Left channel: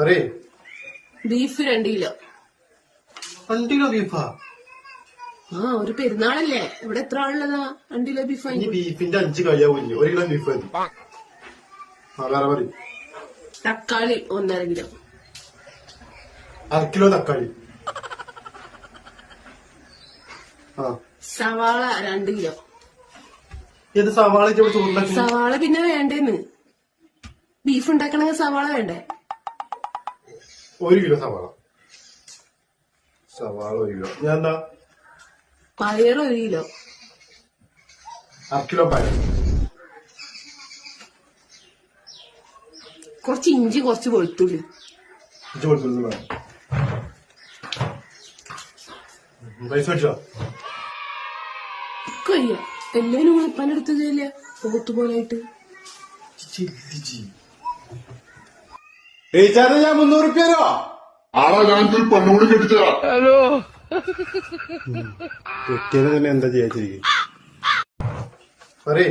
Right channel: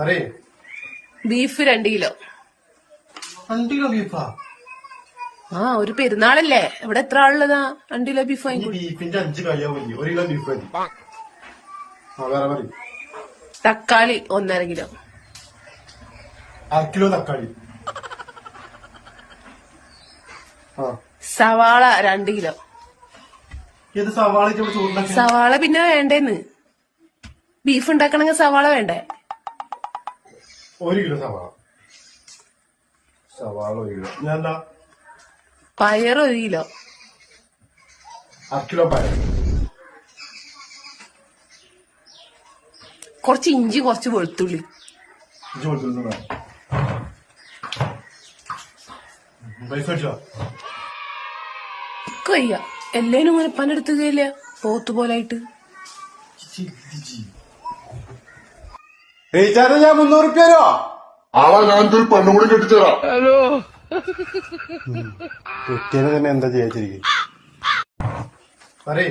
അറിയേ beef 2 kilo. 2 kilo ബീഫാ? ആ, ഒരു പെരുന്നാളല്ലേ, ഇവിടെ എത്ര ആളുള്ളതാ 2 കിലോ ബീഫ് വാങ്ങിക്കോ. ബീഫിന്റെ 5 കഴിയാവൂല, 1 കിലോ ബീഫ് മതി. വേറെ മതി. തക്കാളി 1.5 കിലോ. 1/2 കിലോ തക്കാളി. സവാള 2 കിലോ. ഏത് സവാള? സവാള പിന്നെ വേണ്ടേന്ന്, ബീഫ് ഉണ്ടാക്കണമെങ്കിൽ സവാള വേണ്ടേ? 1 കിലോ സവാള. 1 കിലോ. ഞാൻ പയർ 1 കിലോ. 1/2 കിലോ പയർ. കുറച്ച് ഇഞ്ചി, കുറച്ച് വെളുത്തുള്ളി. വയ്യ, എല്ലാരും ഇങ്ങനെ പനെടുത്തുകയില്ല, പോത്തുപോലായിട്ട്. ഞാൻ 300 റുപ്യോ ആളെ ഞാനൊരു പെണ്ണുകൂടി കെട്ടിച്ചതാ. ഹലോ, കുട്ടിയെ തന്നെ എന്താ ചെയ്യാ? അറിയേ